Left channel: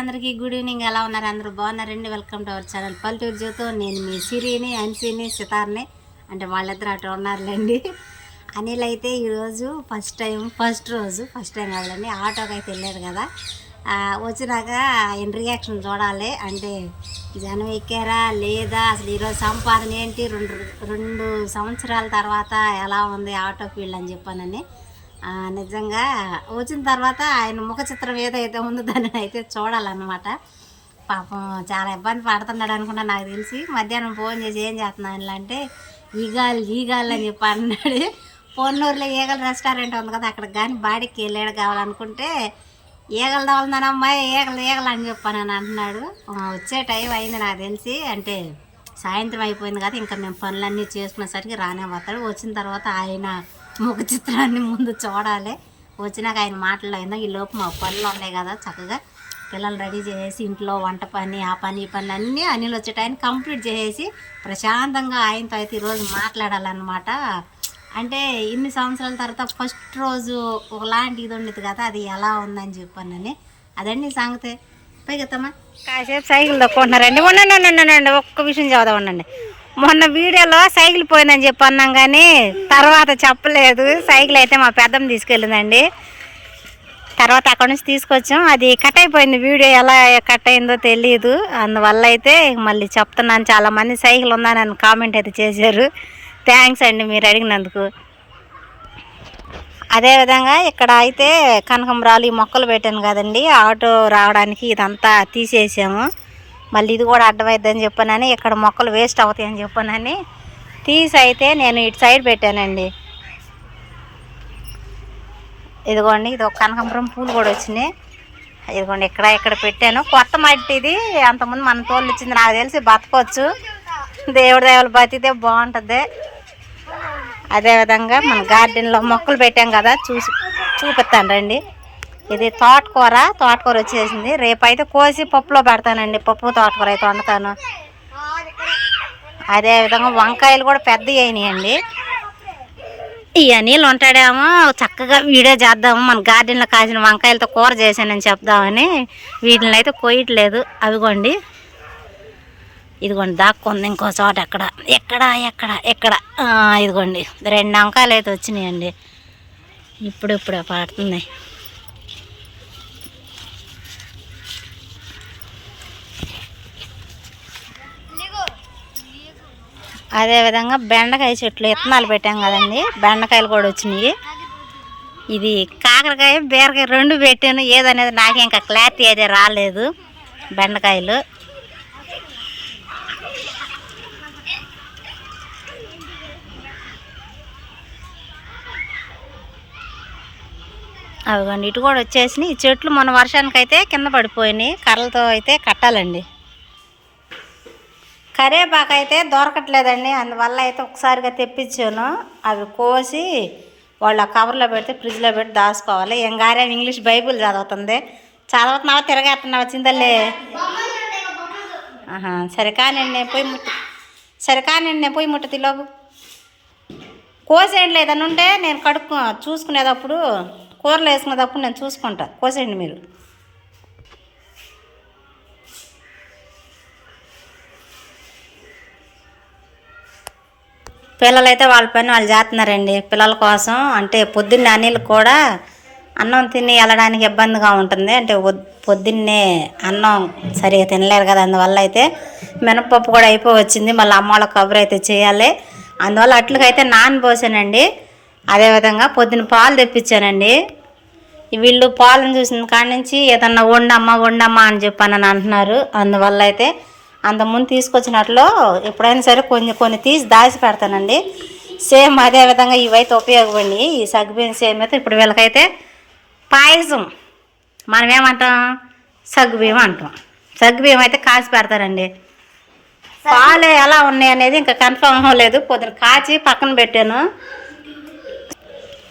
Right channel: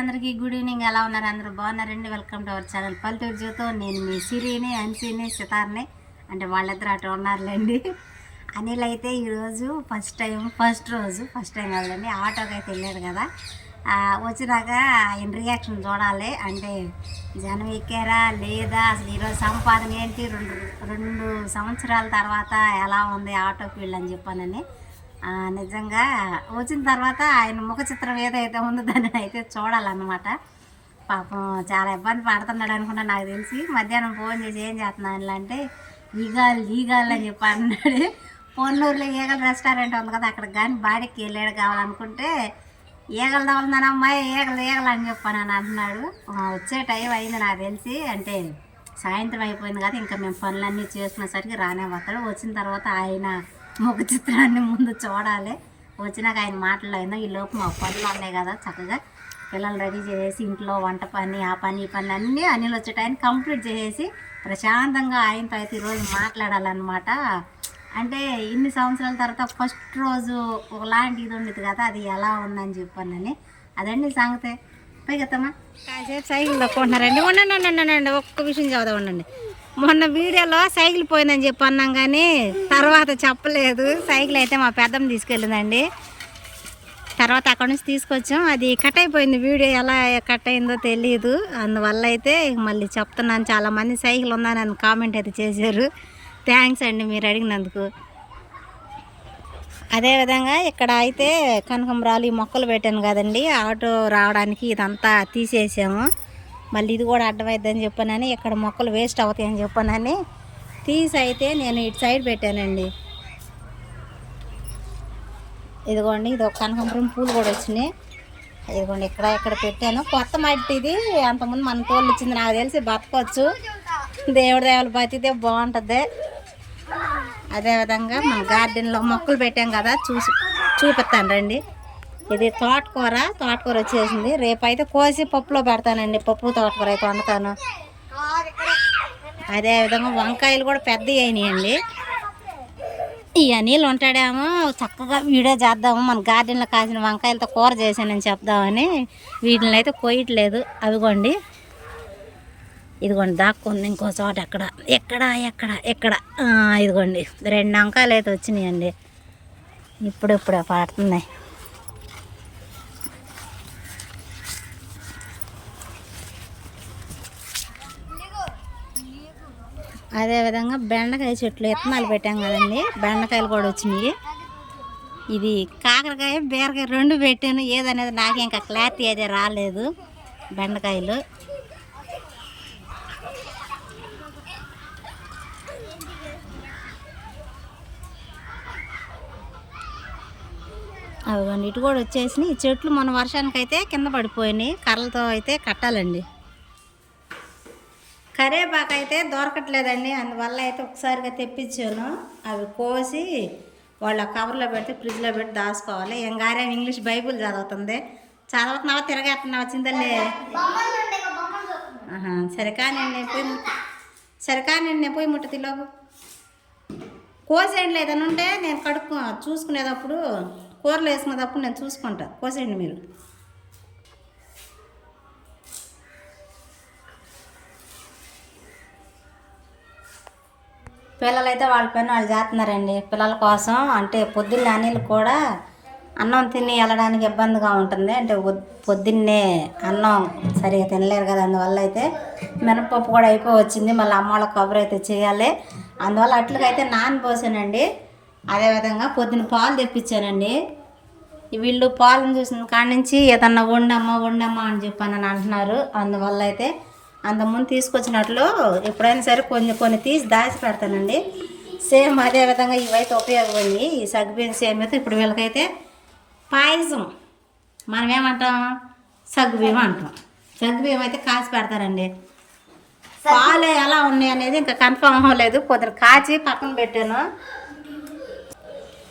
అందరికీ good evening. ఎలా ఉన్నారు? అందరూ బాగున్నారండి. వెల్కమ్ టు అవర్ ఛానల్ పల్లెటూరు జ్యోతో నేను మీ సిరిని అన్సీని సితార్ని. అంటే వాళ్ళిద్దరు అటు ఉన్నారులేండి. అనిల్ అయితే ఈరోజు ఫస్ట్ టైం ఫస్ట్ రోజు ఫస్ట్ టైం కాదులేండి. ఆటోకి అయితే వెళ్ళారు కదా. వచ్చినాక ఆయన రియాక్షన్ చూడాలి. అంటే జనం ఎక్కారా? లేదా అసలు ఈరోజు సంపాదన ఏంటి? రెండు రెండు సంవత్సరాల తర్వాత ఎలా ఉంది ఆటో ఫీల్డ్ అని చెప్పానని. నిజంగా వచ్చిన తర్వాత ఆయన ముఖ చిత్రం ఏదైతే ఉందో దాన్ని అయితే చూడాలన్నమాట. పాపం చాలా ఇబ్బంది పడుతున్నాడు అనుకున్నా నాకు తెలిసి. మధ్యాహ్నం ఫోన్ చేసి ఏం చేస్తున్నాను అంటే ఈగాలు ఈగాలు అని చెప్పి అన్నాడు. పొన్నూరులో ఈగల రెస్టారెంట్ ఉంది కదా అక్కడ కానీ బాడీకి వెళ్ళాడు కావాలనుకుంటే ఈగలు తవలదనమ్మా ఈగలు ఈగలు అని చెప్పాను అని అంటున్నాడు. వచ్చే టైం అయింది నాకు తెలిసి. అంటే సాయంత్రం అయిపోయింది కదా ఇంకా మేము పనులన్నీ చేసుకునేసరికి రానే వస్తాడు. వచ్చిన తర్వాత ఆయన ముఖ చిత్రాన్ని ముందు చూడాలి. వచ్చినాక ఆయన మాట్లాడిందో ఈ లోపు మా పనులు ఉన్నాయి కదా చక్కగా. పిల్లలు రెడీ చేసేసి ఇంట్లో వంట పని ఆ పని ఈ పని అన్నీ అనిల్ వచ్చే టైం కంప్లీట్ చేసేసి ప్రశాంతంగా ఆయనతో అయితే ఈరోజు మాట్లాడాలన్నమాట. అంటే ఇన్ని సంవత్సరాల తర్వాత ఫస్ట్ రోజు ఒకలాంటి ఇది ఉండేది కదా అది ఎలా ఉందని చెప్పానని. అదండి సంగతే. పైగతమ్మా కాసేపు సైకిల్ తక్కుంటున్నారండి. ఉండండి ఉండండి ఉండండి ఒక్క విషయం చదువు ఉండండి. మొన్న వీడియోలో సైకిల్ పోయిందని చెప్పి అన్నాం కానీ తర్వాత చెప్పలేదు. సైకిల్ అయితే మా పెద్దమ్మ తీసుకెళ్ళిందండి. తర్వాత అక్కడ నుంచి తీసుకొచ్చాం. అది కట్ అయిపోయింది వీడియో ఎలా కట్ అయిందో తెలియదు అందువల్ల అయితే మళ్ళీ చెప్తున్నాను. చాలా మంది సైకిల్ ఉందని అని కామెంట్ అయితే చేశారు. థ్యాంక్స్ అండి మీరు అడిగినందుకు. అదేవిధంగా ఇక్కడ అయితే కనకంబరాలు ఈ మొక్కలు పెట్టాను కదండి. ఆటో రావడానికి ఇదంతా తీసేసాము. మళ్ళీ ఇది కూడా అడ్డమైద్దని చెప్పానని ఇక్కడ మొక్కలు వేస్ట్ అవుతాయని చెప్పానని తీసి అయితే నేను ఇటు సైడ్ పెట్టానండి. ఇదిగోండి ఇది ఒక కనకాంబరం పూలు కూడా వచ్చినాయి. ఇదిగోండి ఇక్కడ ఇక్కడ పెట్టాను. కొత్త మట్టి ఇది అంతకుముందు మన తోళ్ళు ఇచ్చింది నాకు తెలిసి బతకొచ్చు. దేవుడి దేవులు బతికితే బాగుంటుంది. అదేవిధంగా మన గార్డెన్లో మొక్కలు పెట్టాం కదా చూసి చూపిస్తాను రండి. ఇది తోటకూర. తోటకూర వచ్చేసింది. రేపైతే కోసి పప్పులో పెడతానండి. పప్పు తోటకూర అయితే వండుతాను. అదేవిధంగా వంకాయలు కూడా పెద్దవి అయినాయండి. ఈ అనిల్ ఉంటాడేమో. చక్కగా వీడియో చేద్దాము. మన గార్డెన్లో కాసిన వంకాయలతో కూర చేశానని చెప్దామని. వీటిని అయితే కోయట్లేదు అవిగోండి. ఇదిగోండి దాక్కుంది ఇంకో చోట ఎక్కడ? ఎక్కడ ఎక్కడ ఎక్కడ? ఇదిగోండి. రెండు వంకాయలు అయితే వచ్చినాయండి. ఇప్పుడు ఇప్పుడే పడుతున్నాయి. అదేవిధంగా బెండకాయ చెట్లు విత్తనాలు పెట్టాం కదండి. బెండకాయలు కూడా వచ్చినాయి. ఇది కాకరకాయ బీరకాయ రెండు పెట్టాను. ఏదనేది నాకు ఇంకా క్లారిటీ అయితే రాలేదు. బెండకాయలు. అవిగోండి ఇటు కూడా వచ్చేసినాయి. ఈ చెట్లు మన వర్షానికి అయితే కింద పడిపోయినాయి. కర్రలతో అయితే కట్టాలండి. కరేపాకు అయితే దొరకట్లేదండి. అందువల్ల అయితే ఒకసారిగా తెప్పించాను. అవి కోసి వాళ్ళ కవర్లో పెడితే ఫ్రిడ్జ్లో పెట్టి దాచుకోవాలి. ఏం గారే ఇంగ్లీష్ బైబుల్ చదువుతుంది. చదువుతున్నావా తిరగేస్తున్నావా చిందలే ఆహా సరే కానీ నేను పోయి ముట్ట. సరే కానీ నేను పోయి ముట్టది లోపు కోసేయండి లేదని ఉంటే నేను కడుక్కు చూసుకునేటప్పుడు కూరలు వేసుకునేటప్పుడు నేను చూసుకుంటా. కోసేయండి మీరు. పిల్లలైతే వాళ్ళ పని వాళ్ళు చేస్తున్నారండి. పిల్లల కోసం అంటే పొద్దున్నే అనిల్ కూడా అన్నం తిని వెళ్ళడానికి ఇబ్బందిగా ఉంటుంది. అంటే పొద్దున్నే అన్నం సరిగా తినలేరు కదా. అందువల్ల అయితే మినపప్పు కూడా అయిపోయి వచ్చింది. మళ్ళీ అమ్మ వాళ్ళ కబురు అయితే చేయాలి. అందువల్ల అట్లకైతే నానిపోసానండి అదేవిధంగా పొద్దున్న పాలు తెప్పించానండి. వీళ్ళు పాలను చూసిన కాడ నుంచి ఏదన్నా వండమ్మా వండమ్మా అని చెప్పానని అంటున్నారు. అందువల్ల అయితే అంతకుముందు తీసుకొచ్చినట్లు ఎప్పుడైనా సరే కొన్ని కొన్ని తీసి దాచి పెడతానండి. సేమ్ అదే విధంగా ఇవైతే ఉపయోగపడి ఈ సగ్గుబియ్యం సేమ్ అయితే ఇప్పుడు వీళ్ళకైతే పాయసం. మనం ఏమంటాం? సగ్గుబియ్యం అంటాం. సగ్గుబియ్యం అయితే కాచి పెడతానండి పాలు ఎలా ఉన్నాయి అనేది ఇంకా కన్ఫర్మ్ అవ్వలేదు. పొద్దున కాచి పక్కన పెట్టాను.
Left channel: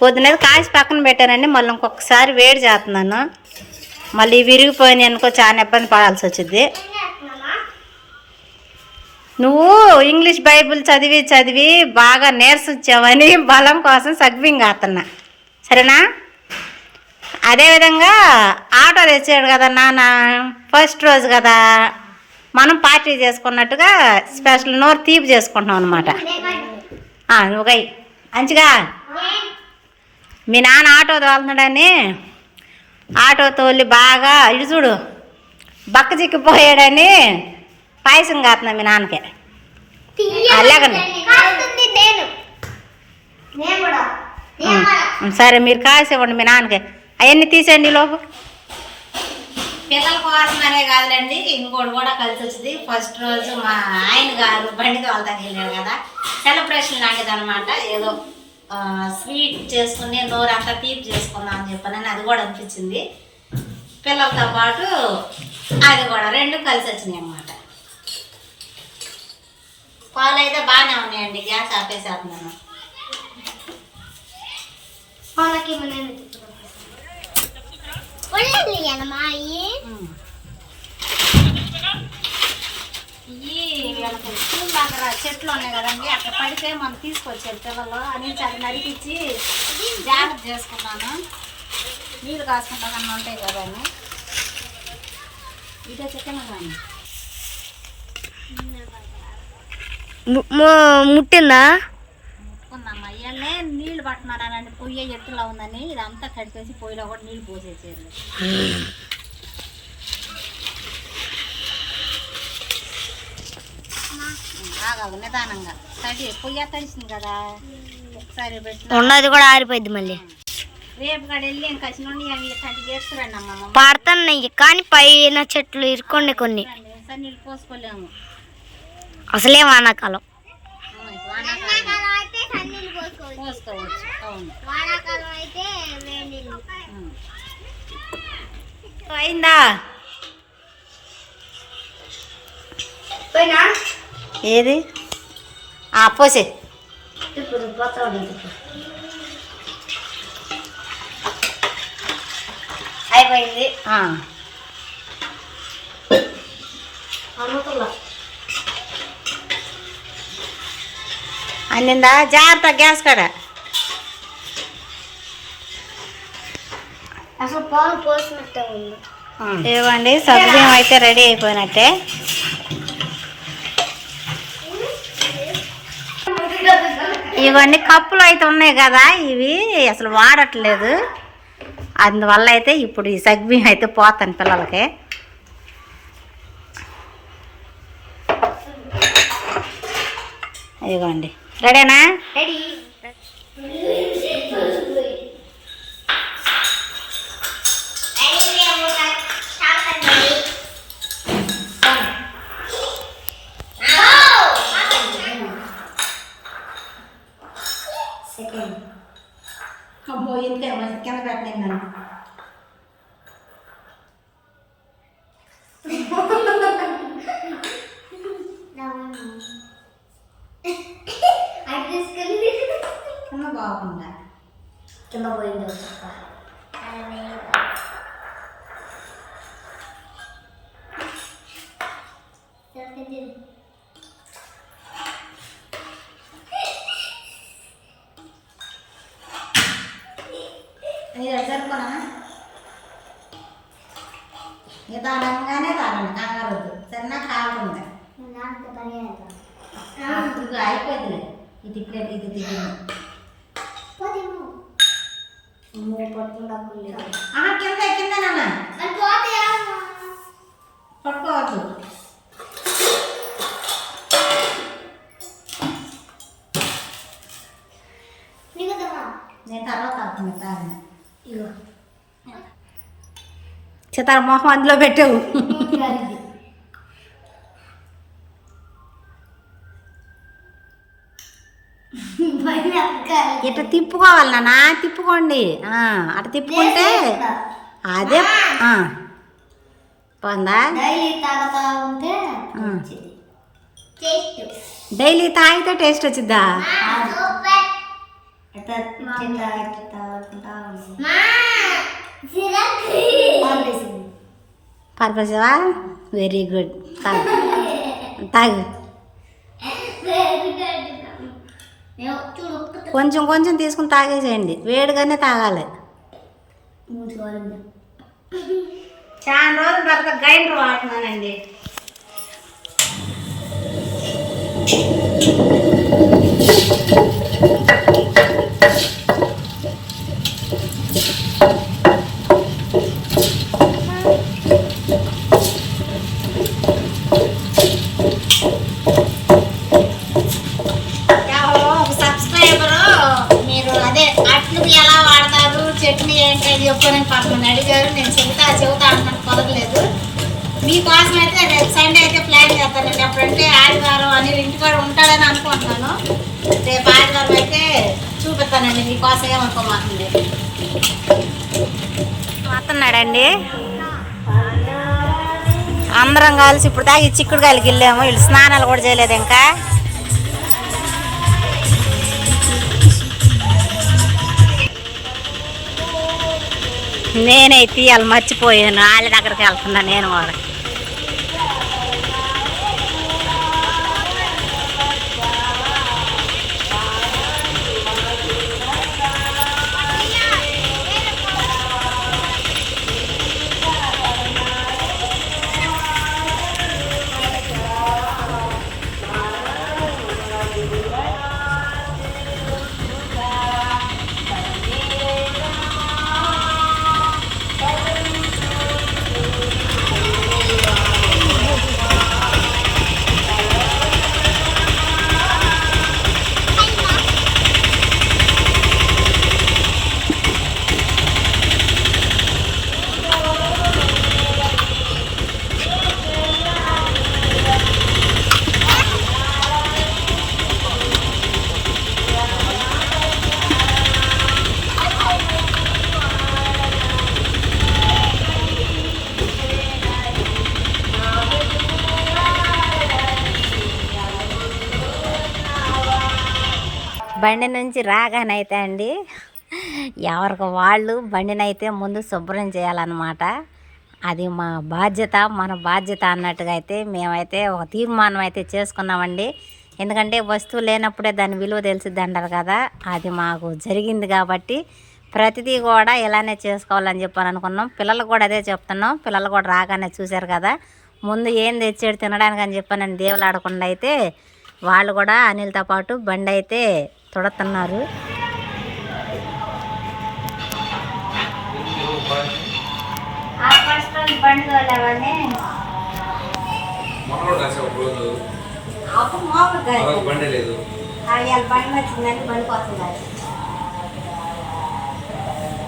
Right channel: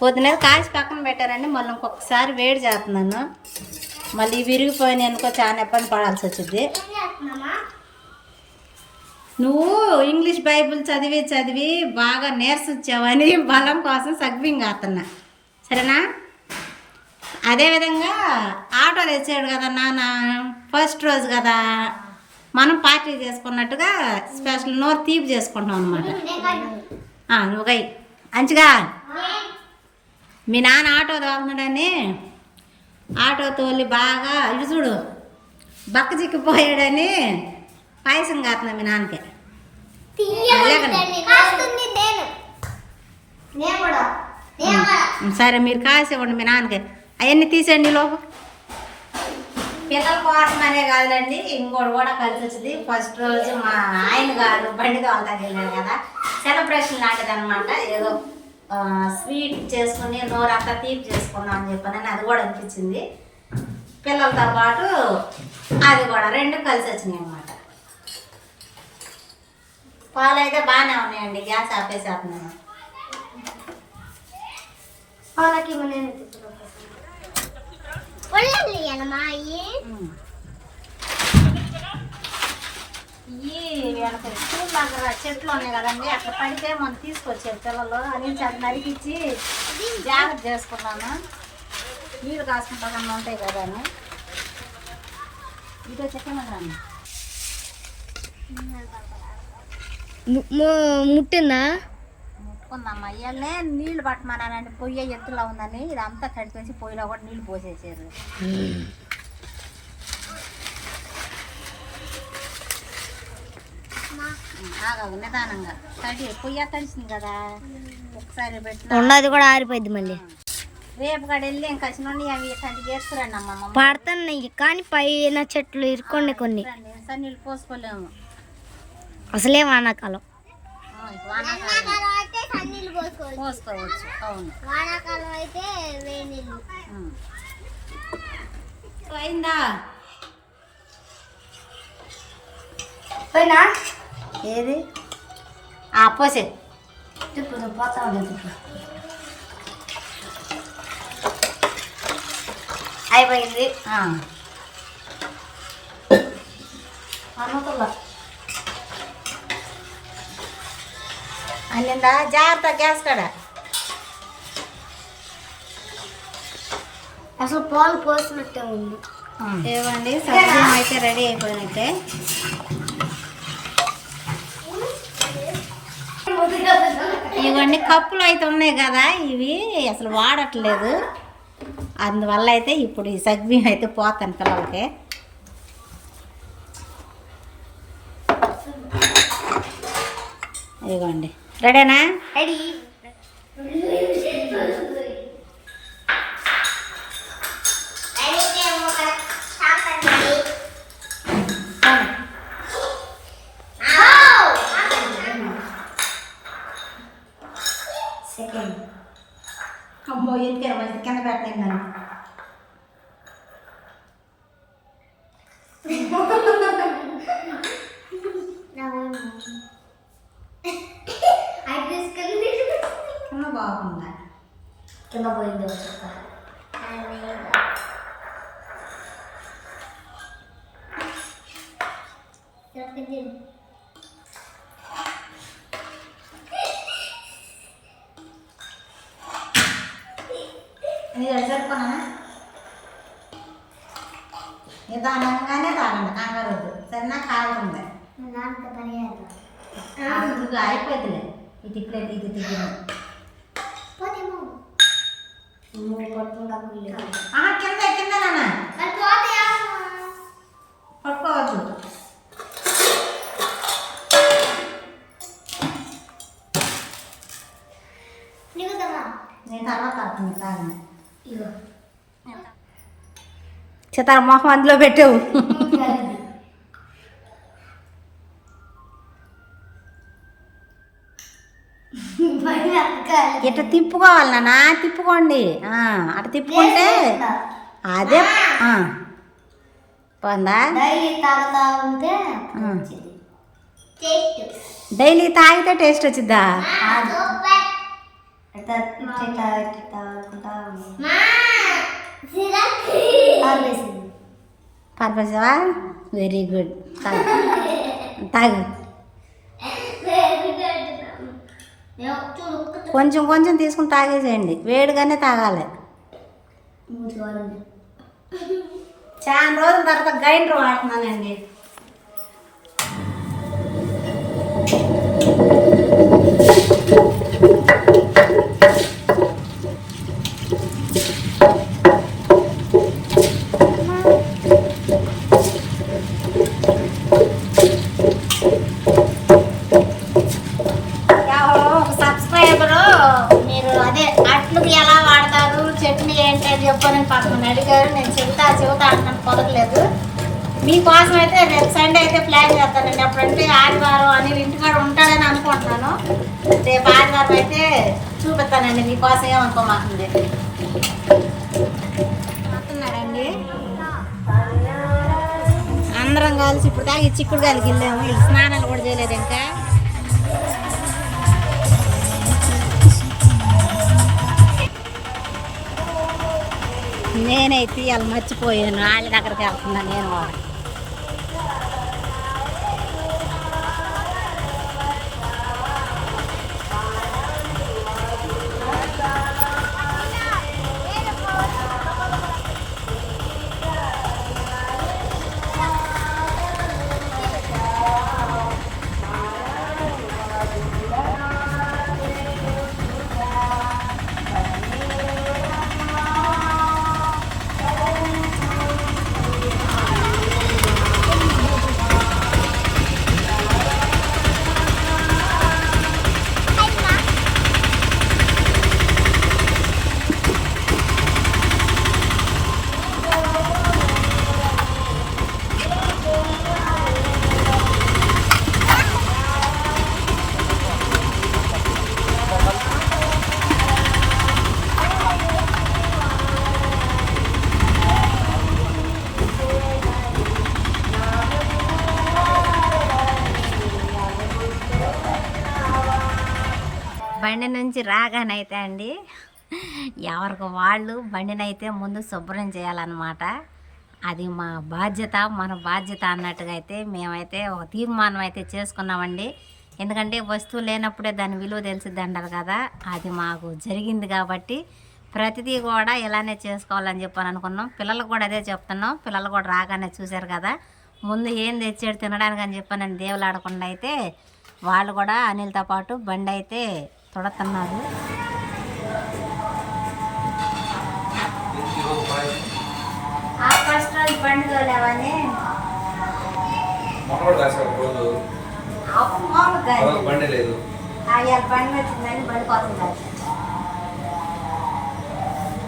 పొద్దున కాచి పక్కన పెట్టానండి. మళ్ళీ ఇంకొకసారి వేడి చేస్తున్నాను. మళ్ళీ విరిగిపోయినాయి అనుకో చాలా ఇబ్బంది పడాల్సి వచ్చింది నువ్వు ఇంగ్లీష్ బైబిల్ చదివి చదివి బాగా నేర్సొచ్చావని బలం కోసం సగ్వింగ్ ఆతున్నా సరేనా? అదేవిధంగా ఆటో తెచ్చాడు కదా నాన్న ఫస్ట్ రోజు కదా. మనం పార్టీ చేసుకున్నట్టుగా స్పెషల్ నోరు తీపి చేసుకుంటాం అనమాట నువ్వు మంచిగా మీ నాన్న ఆటో తోలుతున్నాడని ఆటో తోలి బాగా ఇటు చూడు బక్క చిక్కిపోయాడని పాయసం కాస్తున్నా మీ నాన్నకి? లేకండి కాస్తుంది నేను. నేను కూడా. నేను కూడా. ఉం, సరే మీరు కాసేవ్వండి మీ నాన్నకి. అవన్నీ తీసేయండి లోపు. పిల్లల కోసం అనే కాదులేండి ఇంకోటి కూడా కలిసి వచ్చింది. ఫస్ట్ రోజు మా ఆయన గారు బండి తోలతాకి వెళ్ళాడు కదా. సెలబ్రేషన్ లాంటిది అనమాట ఏదో స్వీట్ చేసుకుని నోరంతా తీపి చేసుకుందాం అని చెప్పానని అది కూడా అనిపించింది. పిల్లలతో పాటు అది కూడా రెండు కలిసి వచ్చినాయి అన్నమాట. పాలు అయితే బాగానే ఉన్నాయండి గ్యాస్ ఆపేసేస్తున్నాను. వీళ్ళకి చెట్లు ఉన్నాయి కదండి అట్లా పడితే మనం తీసుకొచ్చారు పిల్లలు అని అది నరికిచ్చి జాగ్రత్త చేసుకున్నాను నీళ్ళు కాసుకుంటా కన్నా ఉంటాయి కదా అని. ఇదే చికెన్ కానీ ముట్టిందా? ముట్టుకుందమ్మా. ఇవన్నీ నీళ్ళు పట్టమన్నానండి పొయ్యి ఎత్తులో ఉందని ఇదంతా కడిపేసి పొయ్యిలో కూడా నీళ్ళు పోసేసారు. నిదానంగా తడి పొయ్యి తడిసింది కదా. ఒకసారి పెట్టిన ఉన్నది కూడా ఆరిపోయింది మళ్ళీ. రేపు కాడ వెళ్ళి ఇంకా అవి తడి చేస్తురండి అమ్మమ్మ పడుతున్నాయి కానీ పైన చెట్లు ఇరుకోండి కొన్ని. నీళ్ళు పోసుకోలేము. అసలే వానాకాలం. పోసుకోవచ్చు అవును వానాకాలం అయితే. అయిందా పోయినా? ఏది? పోసే. ఇప్పుడు పోతా ఉండదు అయిపోయింది. అమ్మకల్లా అన్నిందా జాగ్రత్త గ్యాస్ కాడ. అసలు పాలు పోసినట్టే ఉంది. ఇవ్వండి సగ్గుబియ్యం అయితే రెడీ అయిపోయినట్టే. ఇవన్నీ కప్పులు అయితే ఉన్నాయి కదా ఇవి అసలు వాడట్లేదు. అందువల్ల అయితే ఇప్పుడు ఈ సగ్గుబియ్యం అయితే పోతాను పిల్లలకి. ఇదిగోండి. ರೆಡಿನಾ బాగుందా కింద పోయింది ఒక చుక్క. అది సరిపోనా నిదానంగానే తాగండి కంగారు వద్దు సరేనా కావాలి నాన్నతో పరిగెడతాం. ఇది అయిపోతుంది ఇది ఇక్కడ ఇది దిగింది పోతేమో. నువ్వు పట్టుకుంటా కుళ్ళి. ఆహా కింద కింద నాన్న? పట్టుకోవద్దు? నేను తర్వాత ఇగో. చిత్తార మొహం అందులో పెట్టావు తిప్పుకోవాలి నాన్న తిప్పుకోండి. ఆ, అట్లా తిప్పుకుంటే అదే ఆ. పోందా? డైలీ తాగుతా. టేస్ట్. డైలీ తాగితే టేస్ట్ వచ్చిద్దా. పర్పసవా వెరీ గుడ్. తాగు. తాగు ఏమో చూడు ఒక్క కొంచెం కొంచెం తీసుకుని తాగేసేయండి. వేడిగానే తాగాలి. చాలా రోజుల తర్వాత గ్రైండర్ వాడుతున్నానండి. ఎవరో ఒక సబ్స్క్రైబరు మీరు అదే అట్లు ఎలా వాడతారు చట్నీ ఏంటి అని చెప్పని పాపం అడిగారు నేను చెబుతా చెబుతా అంటాను కుదరలేదు మీకోసం అయితే రేపు సండే అయితే ప్లాన్ చేస్తానండి. అప్పుడంటే ఆదివారం అని ఇంటికాడ ఉంటాడని అనుకుంటున్నాను. రేపు ఆదివారం అయితే చూపిస్తానండి మీకోసం ఏమనుకోమాకండి వస్తున్నాడండి అందరం కలిసి ఇప్పుడు దాకా ఈ చిక్కుడుకాయలకి వెళ్ళాము. వీళ్ళు స్నానాలు కూడా చేయలేదు ఇంకా. నేనే తీయాలి మర్చిపోయాను. వాళ్ళ దగ్గరికి వెళ్తున్నా నేను కూడా బండి నుంచి రాగానైతే అండి ఎవరికి వాళ్ళు బండినైతే ముందు శుభ్రం చేయాలన్నమాట. అది మా బాధ్యత మన బాధ్యత అన్నట్టుగా అయితే మేమైతే ఒక తీర్మానం అయితే చేసుకున్నామండి. ఎందుకంటే వస్తువు లేనప్పుడే దాని విలువ తెలిసిద్ది అంటారు కదా అది మాకు జరిగింది కాబట్టి ప్రతిదీ కూడా ఇలానే చేసుకోవాలని చెప్పని అనుకున్నాం. పిల్లలు కూడా అదే చెప్తున్నాం. పిల్లలు కూడా రాగానే చూశారు కదా ముందు ఏం తెచ్చాడు తినడానికి అని చెప్పాను నన్ను దేవులాడకుండా అయితే వాళ్ళు కూడా అనిల్తో పాటు బండి అయితే తొడుతున్నారు. బండి లేదు వచ్చిందని కోసం కాదు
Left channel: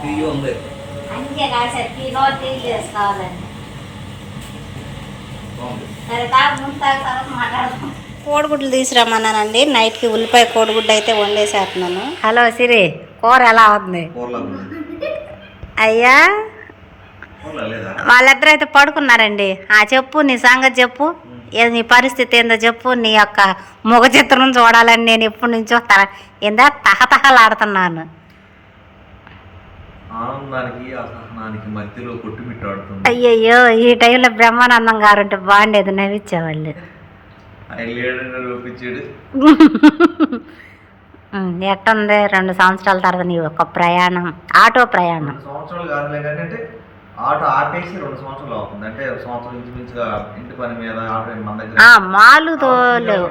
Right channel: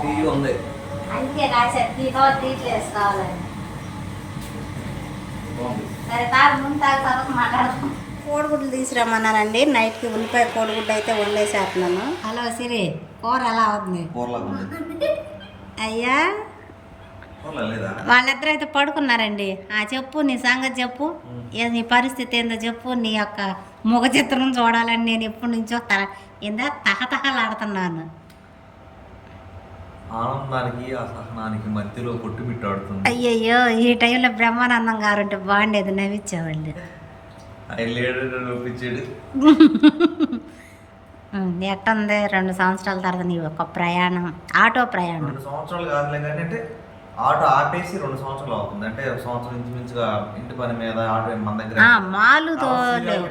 టీవీ ఉంది. అందుకే చేసుకోవాలని సరే తాగు ముందు తర్వాత మాట్లాడదాం. కోడిగుడ్లు తీసుకురమ్మన్నానండి. నైట్కి ఉల్లిపాయ కోడిగుడ్డు అయితే వండేసేస్తున్నాను. హలో సిరి కూర ఎలా అవుతుంది? అయ్యా వాళ్ళిద్దరు అయితే పడుకున్నారండి. ఆ చెప్పు నీ సంగతి చెప్పు. ఏ నీ పరిస్థితి ఏందో చెప్పు. నీ యొక్క ముఖ చిత్రం చూడాలని నేను ఎప్పటి నుంచో తల ఏందా? తహతహలాడుతున్నాను. ఆనందానికి అసహనానికి మధ్యలో కొట్టుమిట్టాడుతుంది. అయ్యయ్యో ఈ టైంలో బ్రహ్మానందం గారు ఉంటే బాగుండేది నవ్విచ్చేవాళ్ళు. ఎట్టుంది? రెండు సంవత్సరాల తర్వాత నీ యొక్క ప్రయాణం ఆటో ప్రయాణం. సంవత్సరాలు కాదులే కానీ అంటే ఆటో ఆపేసి రెండు సంవత్సరాలు అవుతుంది. అంటే ఒక సంవత్సరం ఇంచుమించుగా ఇంటి పని మీద ఆటో మన దగ్గర మాలుతో లేవు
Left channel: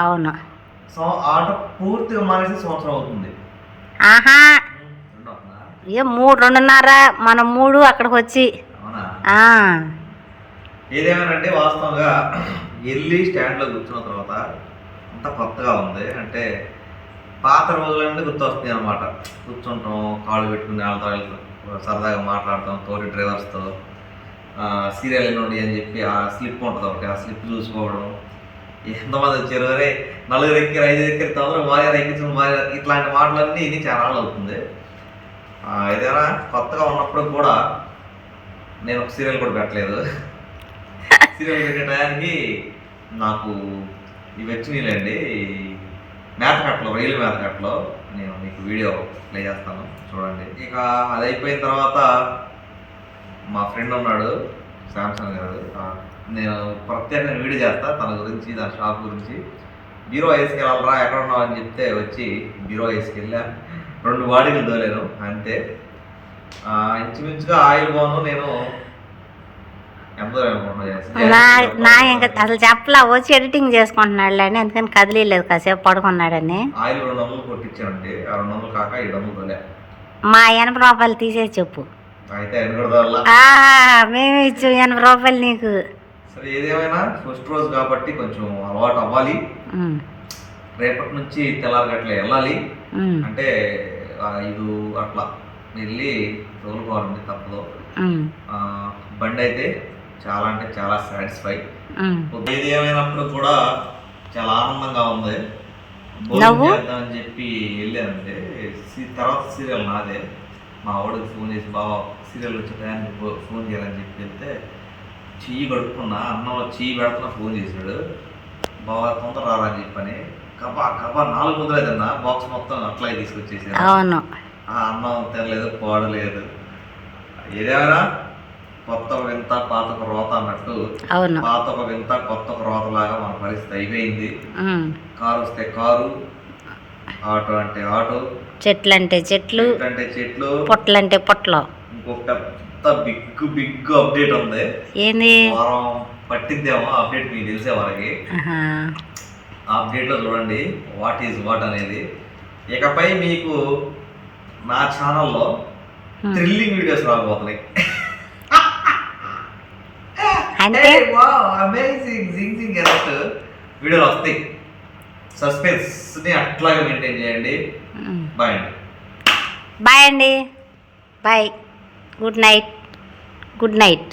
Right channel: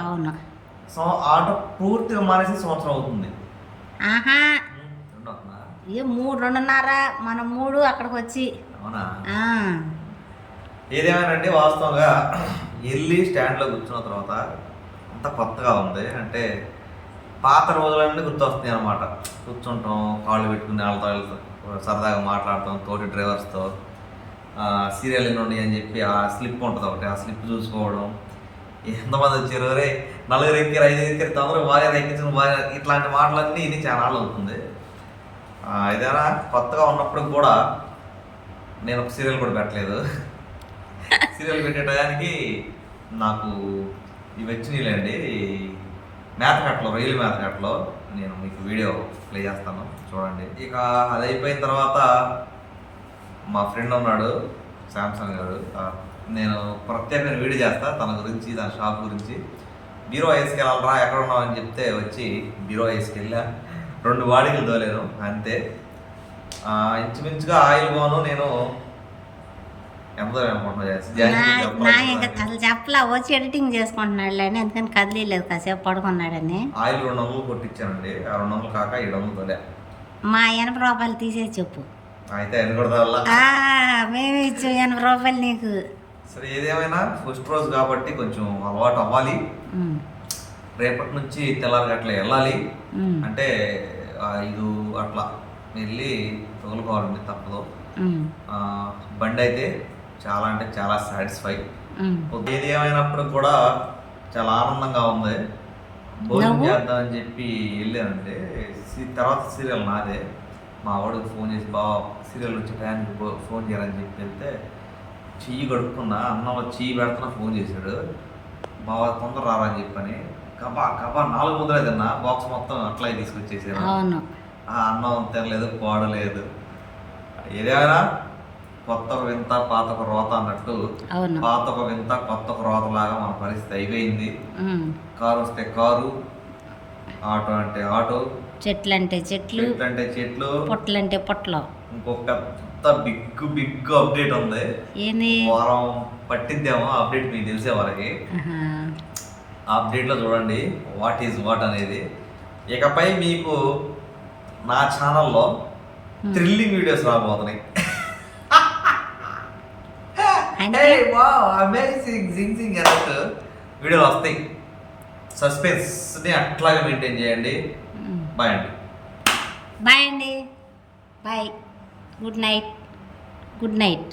అవును. సో ఆటో పూర్తిగా మానేసి సంవత్సరం అవుతుంది. ఆహా? ఏ మూడు రెండున్నర మనం మూడు అక్కడికి వచ్చి వాస్తవంగా వెళ్ళి స్టాండ్లో కూర్చున్న తర్వాత అంతా కొత్తగా ఉంది. అంటే పాత రోజులన్నీ గుర్తొస్తున్నాయి అనమాట కూర్చుంటాం కాళ్ళు పెట్టుకుని వాళ్ళతో వెళ్తాం సరదాగా మాట్లాడతాం తోటి డ్రైవర్స్తో సీరియల్ నుండి అని చెప్పి ఆ స్లిప్ ఉంటుంది ఒకటి ఆ స్లిప్ చూసుకోవడం. ఎంతమంది వచ్చారు? రే నలుగురు ఎక్కిరు ఐదు ఎక్కిరు తొందరగా మారే ఎక్కించడం మారే ఇట్లాంటి మాటలన్నీ ఇది చాలా అవుతుంది. ఏదైనా కొత్తగా ఉన్నప్పుడు కూడా నేను ఒక సీరియల్ కూడా పెట్టలేదు. సీరియల్ పెట్టడానికి నాకు ఇవి వచ్చినాయిలేండి. మేతకట్లో రైలు మేతకట్లో నేను మీకు వీడియో ప్లే చేస్తాను చూడండి. ఇక అది అయిపోయిన తర్వాత మా ఫ్రెండ్ ఉన్నాడు శాంసంగ్ గారు. నేను ప్రత్యేకమైన వీడియో చేస్తా తన గురించి తన షాప్ గురించి. బీరో వేసుకెళ్ళాలరా ఎక్కడ ఉన్నావు అని చెప్తే వచ్చి బీరో వేసుకెళ్ళా. రెండు బాడీలు దోలేను అంతే. ఇంచుమించుగా ఆయిల్ పోను నేను నా నా ఇంకా అసలు చెప్పలా వచ్చి ఎడిటింగ్ చేసుకుంటున్నాడు అని అందుకని కదిలేదు కాసేపు పడుకున్నాడని. ఆయిల్ రెండు వందలు కొట్టించానండి ఆ రెండు వందలు కాక ఏడు వందలు తోలే. మా ఎనభై రూపాయలు తీసేసి చెప్పు. మేమే ఇచ్చాం ఎనభై రూపాయలు నీకు. సరే ఏదేమైనా ఫస్ట్ రోజు కాబట్టి కొంచెం అలవాటు అవ్వాలి. రేపటి నుంచి తెల్లారి అట్లా వెళ్ళాలి అంటే ఐదు అట్లా వెళ్ళి తోలుకోవాలండి తప్పదు. బండి అయితే చాలా అంటే చాలా సాటిస్ఫై. ఏది ఏమైనప్పుడు కూడా చాలా ఆనందంగా ఉంది. భోజనం? చేద్దామని చెప్పి వెళ్ళానంటే సి- తర్వాత సీరియల్ నాదే. మా వాడికి ఫోన్ చేసి బావ సీరియల్ వచ్చి ఫ్యాన్ ఫోన్ చేయాలని చెప్పి వెళ్తే చెయ్యి కడుక్కున్నా అన్నంలో చెయ్యి పెడుతున్నా ఫోన్ చేశాడు. బాగా తొందర రారా అని చెప్పని. కబా కబా నాలుగు ముద్రలు తిన్నా. బాక్స్ మొత్తం అట్లా తీసుకొచ్చేసాడు అన్నం తినలేదు పాడలేదు. ఏదేమైనా కొత్త వింత పాత రోత అన్నట్టు పాత ఒక వింత కొత్త ఒక రోతలాగా మన పరిస్థితి అయిపోయింది. కారు వస్తే కారు ఆటో అంటే ఆటో చెట్లు అంటే చెట్లు అంటే చెట్లు పొట్లు అంటే పొట్లు. ఇంకొక పెద్ద బిగ్ బిగ్ అప్డేట్ ఉంది. ఏంది? వారం పట్టిద్దేమో అప్డేట్ మీకు తెలిసే వరకు. అప్డేట్లో చూడండి వాట్ ఈజ్ వాట్ అనేది. ఇకపై మీకు నా ఛానల్లో థ్రిల్లింగ్ వీడియోస్ రాబోతున్నాయి. అంటే వీడియోలు వస్తాయి. సస్పెన్స్ని అట్లాగే మెయింటైన్ చేయండి. బాయ్ అండి. బాయ్ అండి. Bye good night good night